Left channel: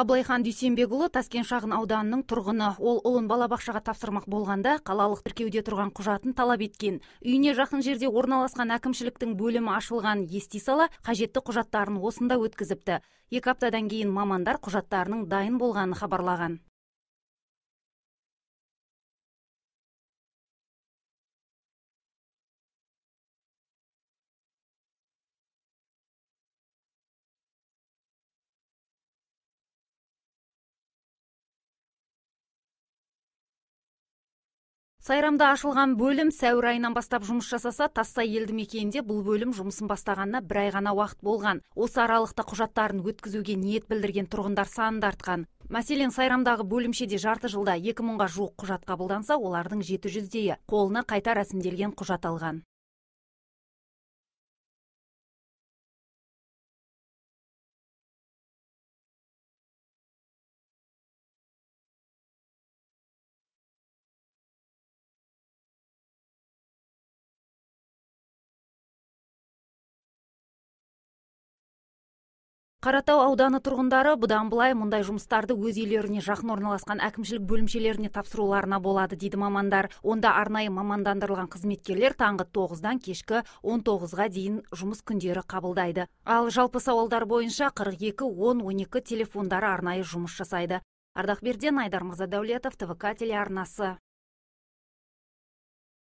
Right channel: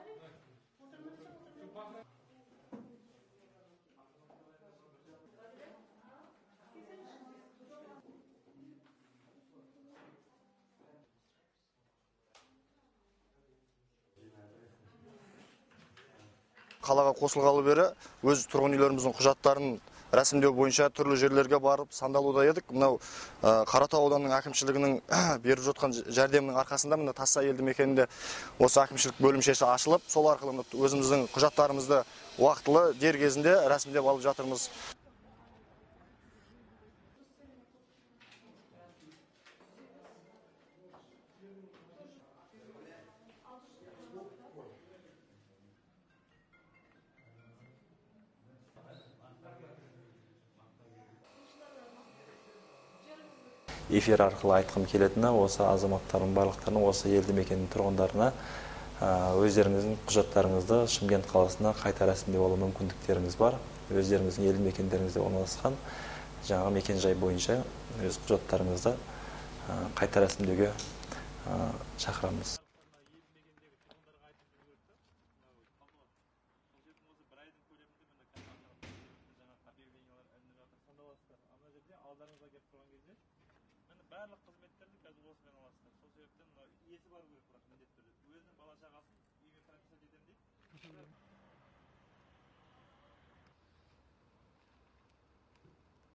Абылайхан Дүйсенбекұлы Таскент шағын ауданының тұрғыны. Ол ұлын балабақшаға тапсырмақ болғанда қалалық тіркеуде тұрған құжатын талап еткен. Үйіне жақын жерде орналасқан әкімшіліктің бөлімі ашылған ести сала, қажетті құжаттарын осында өткізіпті. 2 аптадан кейін мамандар құжаттарының дайын болғанын хабарлаған. Қалаға қосылғалы бері өз тұрғын үйлеріміздің құжаттарын рәсімдеу бойынша түрлі жерлерге барып сандалуда едік. Мынау Қаратау ауданының әкімшілігінің беріп жатқан жәрдемінің арқасында мына Тассай елді мекенінде осы әкімшілік бөлімшесі ашылып, сол арқылы өзіміздің құжаттарымызды уақытылы дер кезінде рәсімдеп алып жатырмыз. Сайрамда ашылған бөлім сәуір айынан бастап жұмыс жасаса, Тассай елді мекенінде бұл бөлім жұмысын бастағанына 1 ай ғана уақыт болған. Осы аралықта құжаттарын өткізуге ниет білдірген тұрғындар санын артқан. Мәселен, Сайрамдағы бөлімшеде жарты жылда 2000-ға жуық құжат қабылданса, олардың 700-дейі қолына қайта рәсімделген құжат алған. Эфир арқылы айтқым келетіні, осы азаматтардың барлықтарының осы елді мекеннің тұрғындарына өздеріңіздің құжаттарыңызды Шымкент қаласына қайта рәсімдеп алу мүмкіндіктеріңіз бар. Өздеріңіздің елді мекендеріңізде орналасқан жаңа мекен-жай бойынша өз құжаттарыңызды қайта рәсімдеуге шақырамыз. Қаратау ауданы тұрғындары бұдан былай мұндай жұмыстарды өз үйлеріне жақын орналасқан әкімшілік бөлімшелеріне тапсыруларына болады, дейді мамандар. Онда арнайы мамандандырылған қызметкерлер таңғы 9-дан кешкі 19-ға дейін жұмыс күндері қабылдайды. Ал жалпы сауалдар бойынша 42-10-12 телефондары арнайы жұмыс жасайды. Ардақберден, Айдар Мырзадәулетов, ТВК телеарнасы.